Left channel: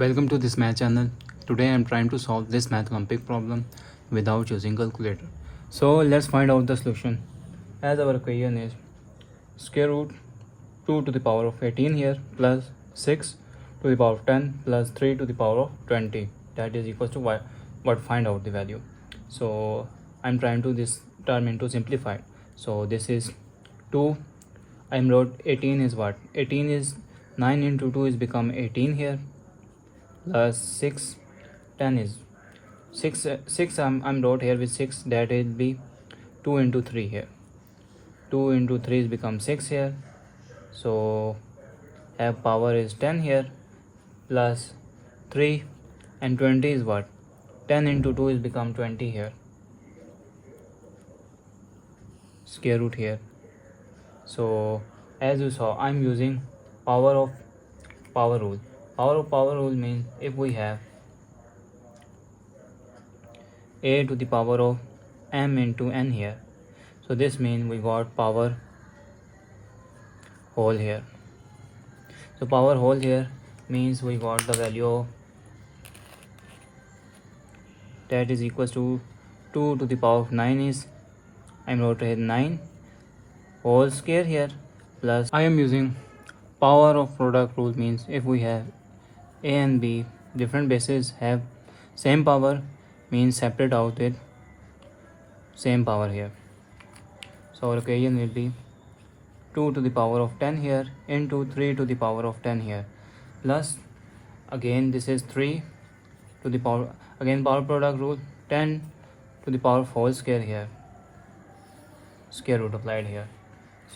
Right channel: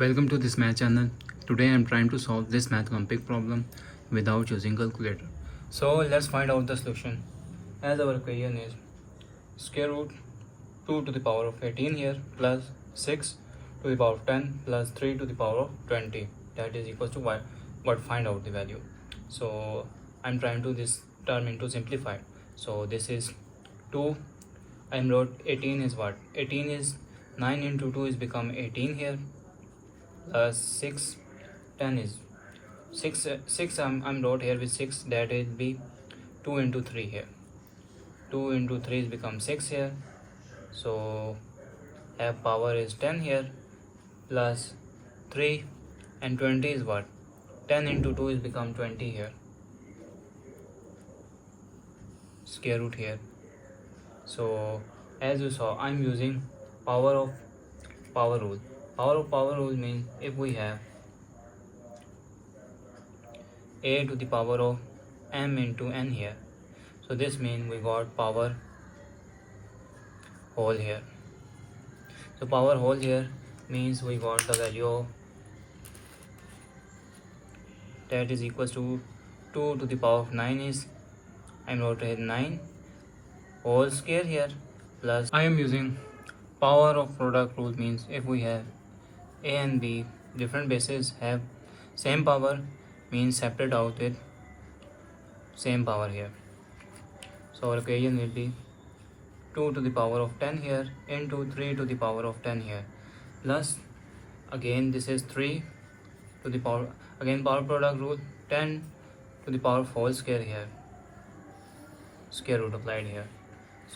Welcome to this math channel. Today I am trying to solve this Math Olympiad problem without using calculator. So let's find out the solution. As our equation is square root 2 to the power of 18 here plus 6 to the power of 10 plus 3 to the power of 20, that is equals to y. But find out the value. So I'm trying to this term into simplified. So this is 2. I wrote 18 is what? 18 is 9 into 2 is become 18 here plus 6. 10 is 6 I'm wrote here with 6, that is be 2 into 3 here. 2 into 3 is become 6 here, so have power is 10 here plus 3, and 20 is what? 10 into 2 is become 20 here, square root here. So as you saw, I'm using power of power rule. Power of power rule means if we have a to the power of m into n here, so this means we got power whole here. So power whole here means we got the value of that is equals to 2 to the power of 9 is, I wrote here 9 whole square here, plus I am using power of product rule means if we have a and b different bases have same power, means separate out with same power here. So our equation will be 2 to the power of 10 here into 3 to the power of 10 here, plus again this is 3 to the power, again power product rule, 10 to the power of whole square here, square root applied here.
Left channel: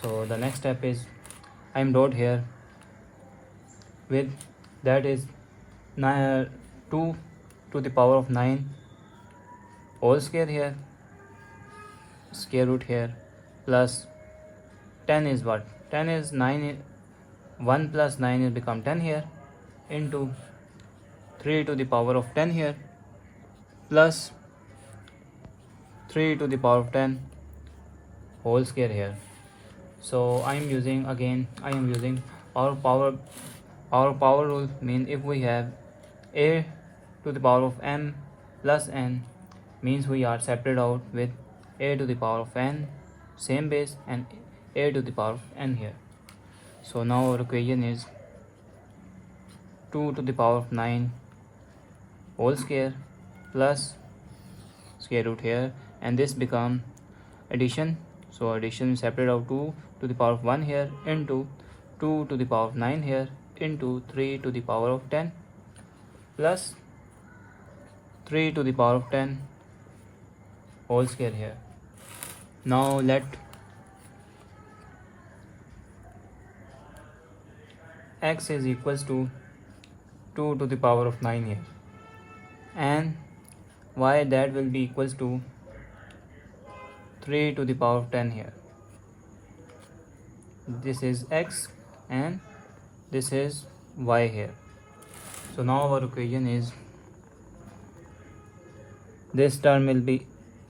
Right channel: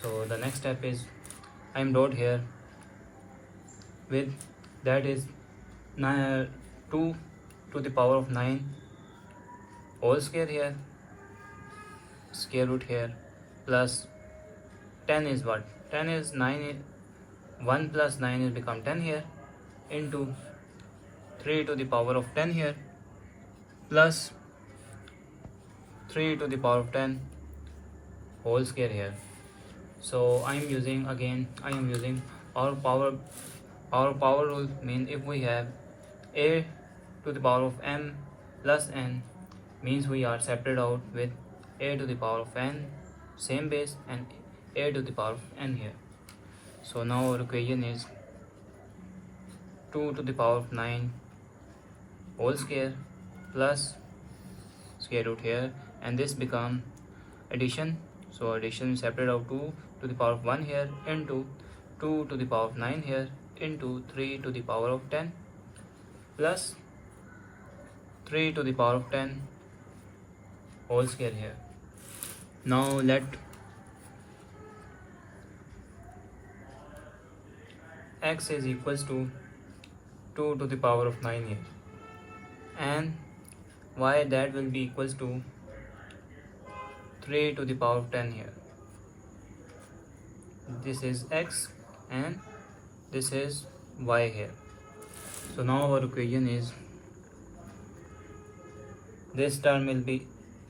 So the next step is I'm dot here with that is 2 to the power of 9 whole square here, square root here, plus 10 is what? 10 is 9, 1 plus 9 is become 10 here, into 3 to the power of 10 here, plus 3 to the power of 10 whole square here. So I am using our power rule means if we have a to the power of m plus n, means we are separate out with a to the power of n same base and a to the power of n here. So now our equation is 2 to the power of 9 whole square plus square root here, and this become addition. So addition separate out 2 to the power of 1 here into 2 to the power of 9 here into 3 to the power of 10 plus 3 to the power of 10 whole square here. Now let x is equals to 2 to the power of 9 here, and y that will be equals to 3 to the power of 10 here. This is x and this is y here. So now our equation is this term will be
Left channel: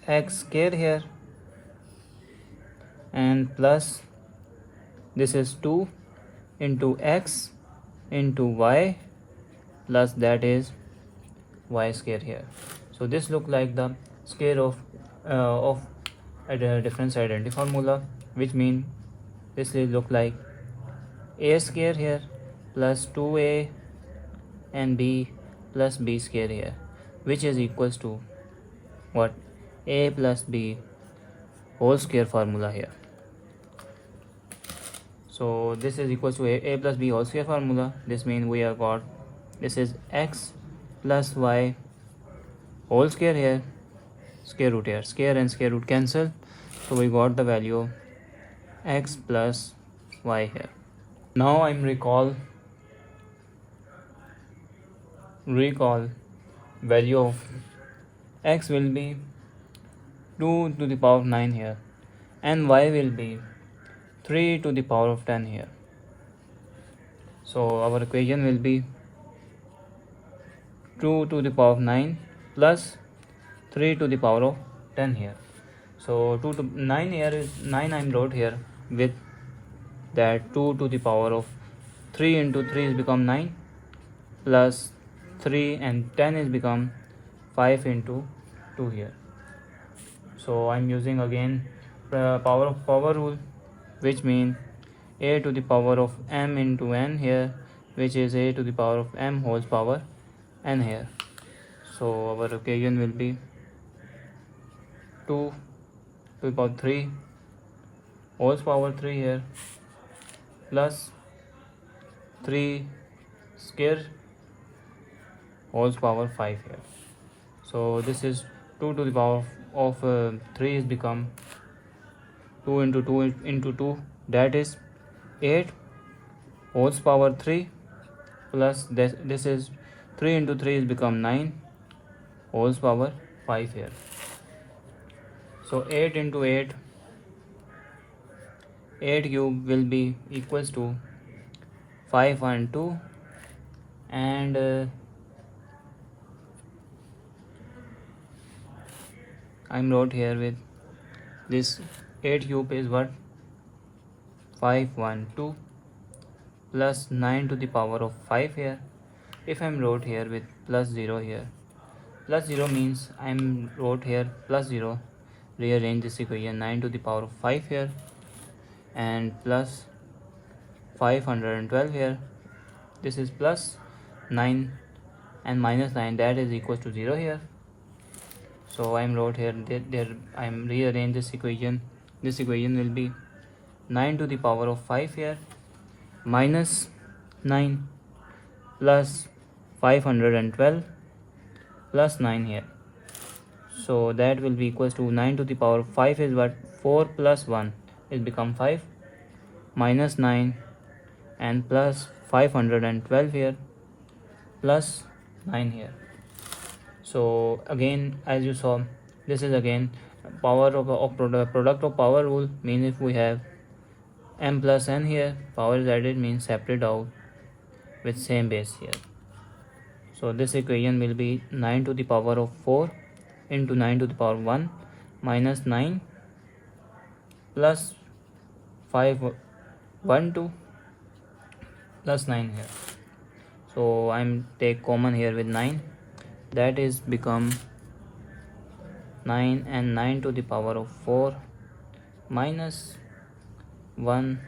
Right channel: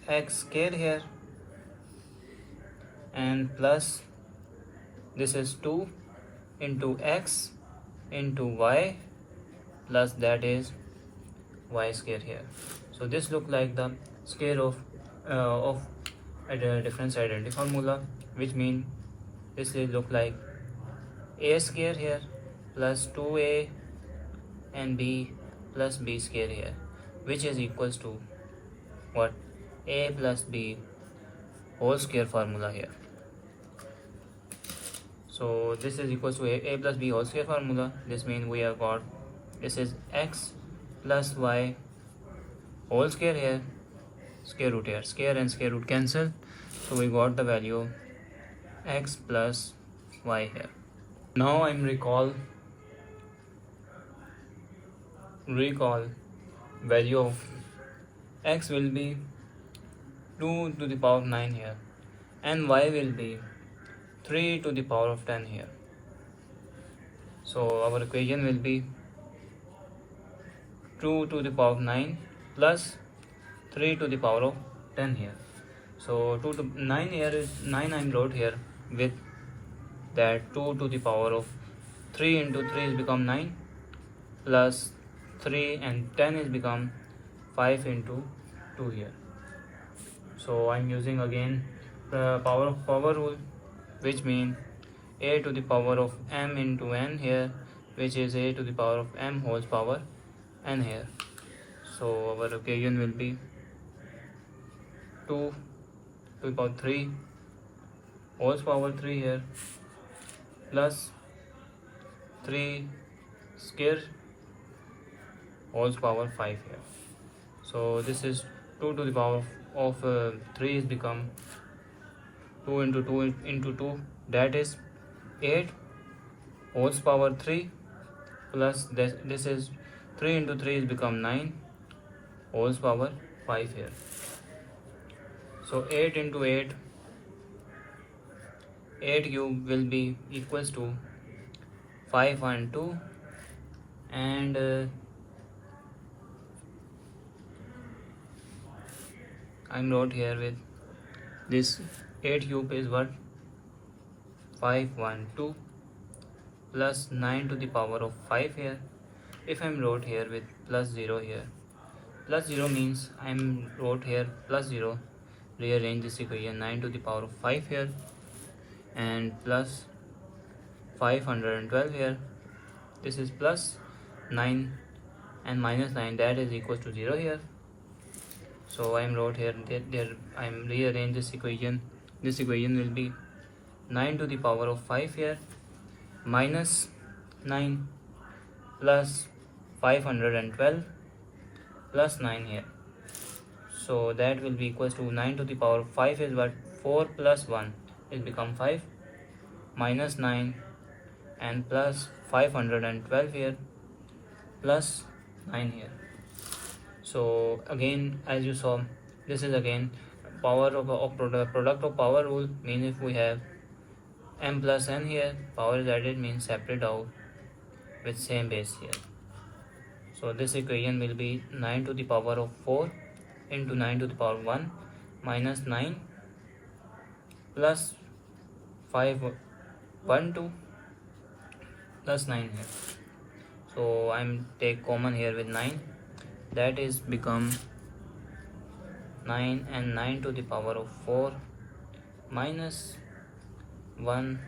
x square here and plus this is 2 into x into y plus that is y square here. So this look like the square of a difference identity formula, which mean this will look like a square here plus 2a and b plus b square here, which is equals to what? A plus b whole square formula here. So this is equals to a plus b whole square formula. This means we have got this is x plus y whole square here, square root here, square and square root cancel, so we got the value of x plus y here. Now I'm recall value of x will be 2 to the power of 9 here and y will be 3 to the power of 10 here. So our equation will be 2 to the power of 9 plus 3 to the power of 10 here. So 2 to 9 here is 9 I wrote here with that 2 to the power of 3 into 3 is become 9 plus 3 and 10 is become 5 into 2 here. So I'm using again the power of power rule, which means a to the power of m into n here, which is a to the power of m whole power n here. So our equation will be 2 to the power 3 whole power 3 here plus 3 square whole power 5 here. So this is 2 to the power of 3 is become 2 into 2 into 2, that is 8 whole power 3 plus this is 3 into 3 is become 9 whole power 5 here. So 8 into 8, 8 cube will be equals to 512, and I'm wrote here with this 8 cube is what 512 plus 9 to the power of 5 here. If I'm wrote here with plus 0 here, plus 0 means I'm wrote here plus 0, rearrange this equation 9 to the power of 5 here and plus 512 here. This is plus 9 and minus 9, that is equal to 0 here. So I'm wrote here there I'm rearrange this equation. This equation will be 9 to the power of 5 here minus 9 plus 512 plus 9 here. So that will be equals to 9 to the power of 5 is what 4 plus 1 is become 5 minus 9 and plus 512 here plus 9 here. So again, as you saw, this is again power of product of power rule, means if we have m plus n here, power is added means separate out with same base here. So this equation will be 9 to the power of 4 into 9 to the power 1 minus 9 plus 512 plus 9 here. So I'm take common here with 9, that is become 9 and 9 to the power of 4 minus 1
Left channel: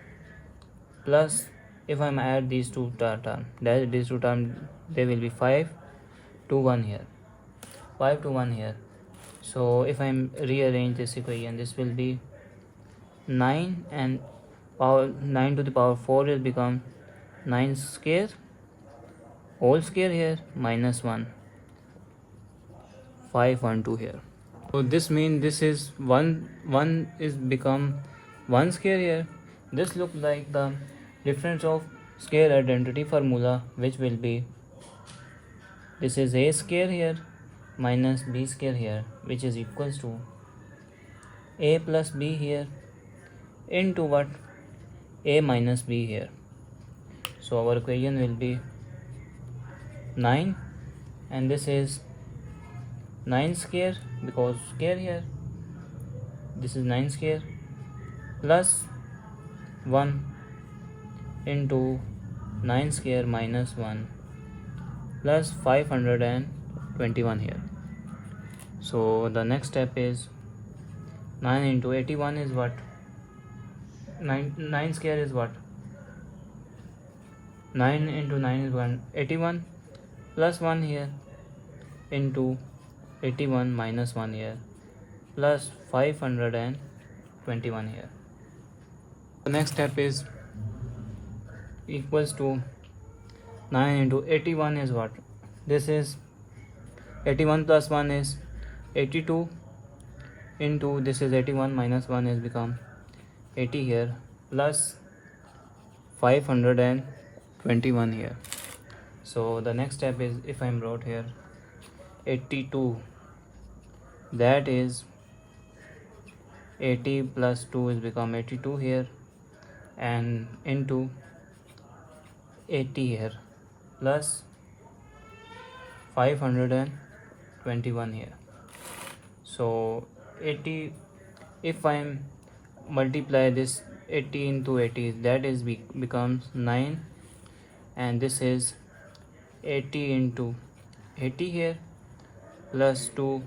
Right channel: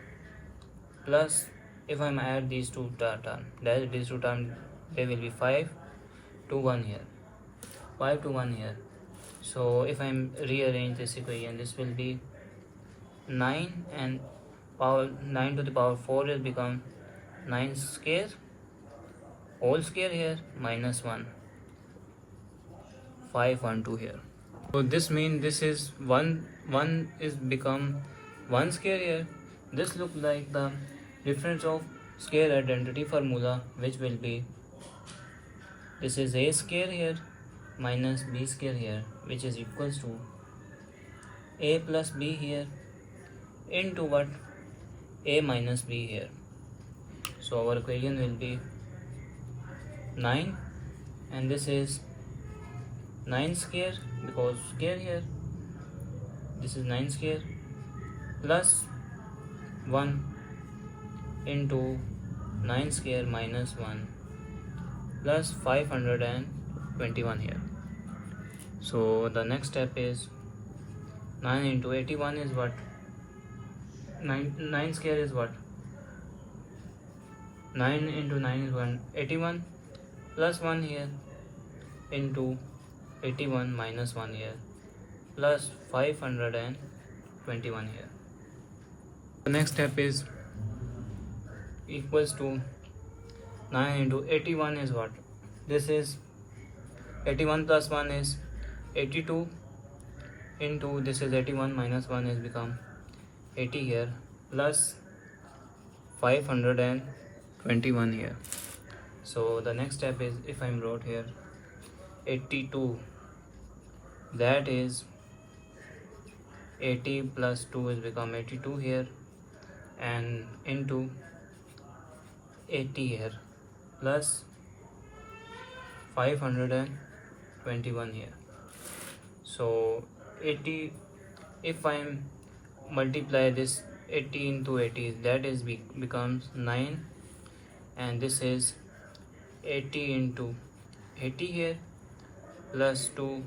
plus, if I'm add these two terms, that these two terms they will be 5 to 1 here, 5 to 1 here. So if I'm rearrange this equation, this will be 9 and power 9 to the power 4 is become 9 square whole square here minus 1 512 here. So this means this is 1 is become 1 square here. This looks like the difference of square identity formula, which will be this is a square here minus b square here, which is equals to a plus b here into what a minus b here. So our equation will be 9 and this is 9 square because square here, this is 9 square plus 1 into 9 square minus 1 plus 521 here. So the next step is 9 into 81 is what 9 square is what 9 into 9 is 181 plus 1 here into 81 minus 1 here plus 521 here. The next step is equals to 9 into 81 is what, this is 81 plus 1 is 82 into this is 81 minus 1 is become 80 here plus 521 here. So the next step is, if I'm wrote here 82, that is 80 plus 2 is become 82 here and into 80 here plus 521 here. So 80, if I multiply this 80 into 80, that is becomes 9 and this is 80 into 80 here plus 2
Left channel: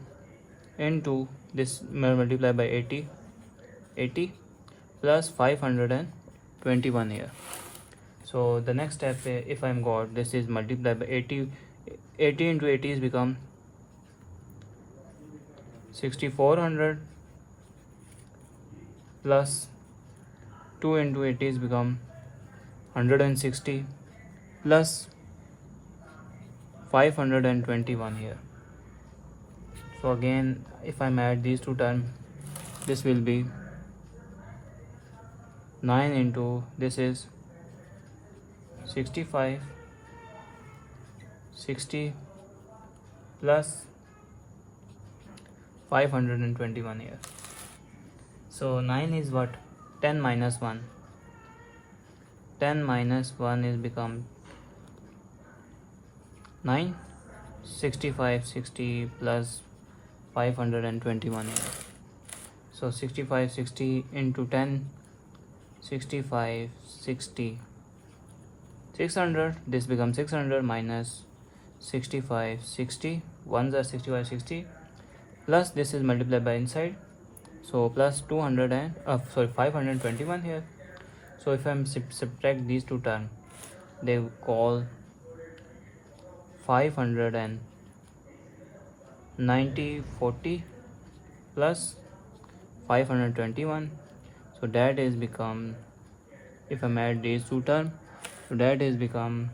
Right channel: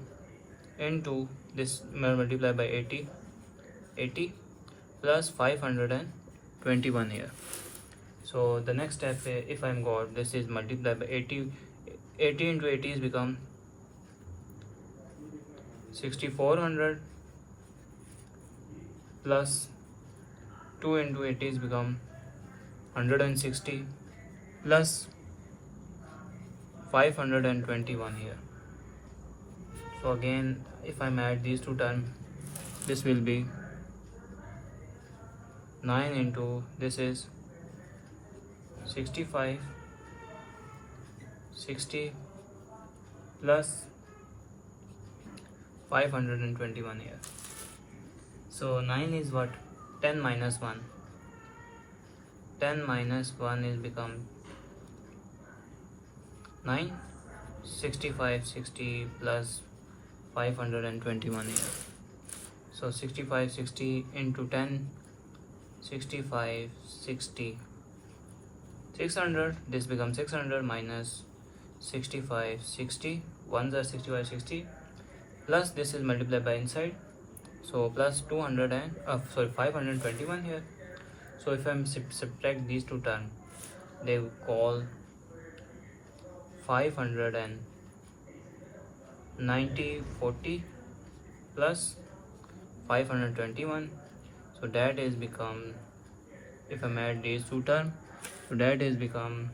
into this multiply by 80 plus 521 here. So the next step, if I'm got this is multiplied by 80 into 80 is become 6400 plus 2 into 80 is become 160 plus 521 here. So again, if I add these two terms, this will be 9 into this is 65 60 plus 521 here. So 9 is what? 10 minus 1. 10 minus 1 is become 9. 65 60 plus 521 here. So 65 60 into 10, 65 60 600. This becomes 600 minus 65 60. Ones are 65 60 plus this is multiplied by inside, so plus 200 and 521 here. So if I'm subtract these two terms, they will call 590 40 plus 521. So that is become, if I add these two terms, so that is become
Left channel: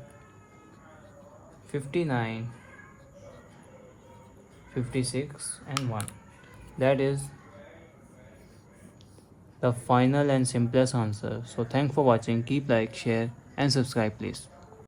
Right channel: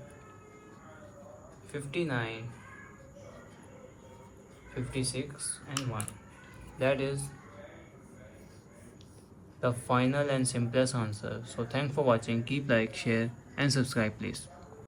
59 56 and 1. That is the final and simplest answer. So thanks for watching. Keep like, share and subscribe please.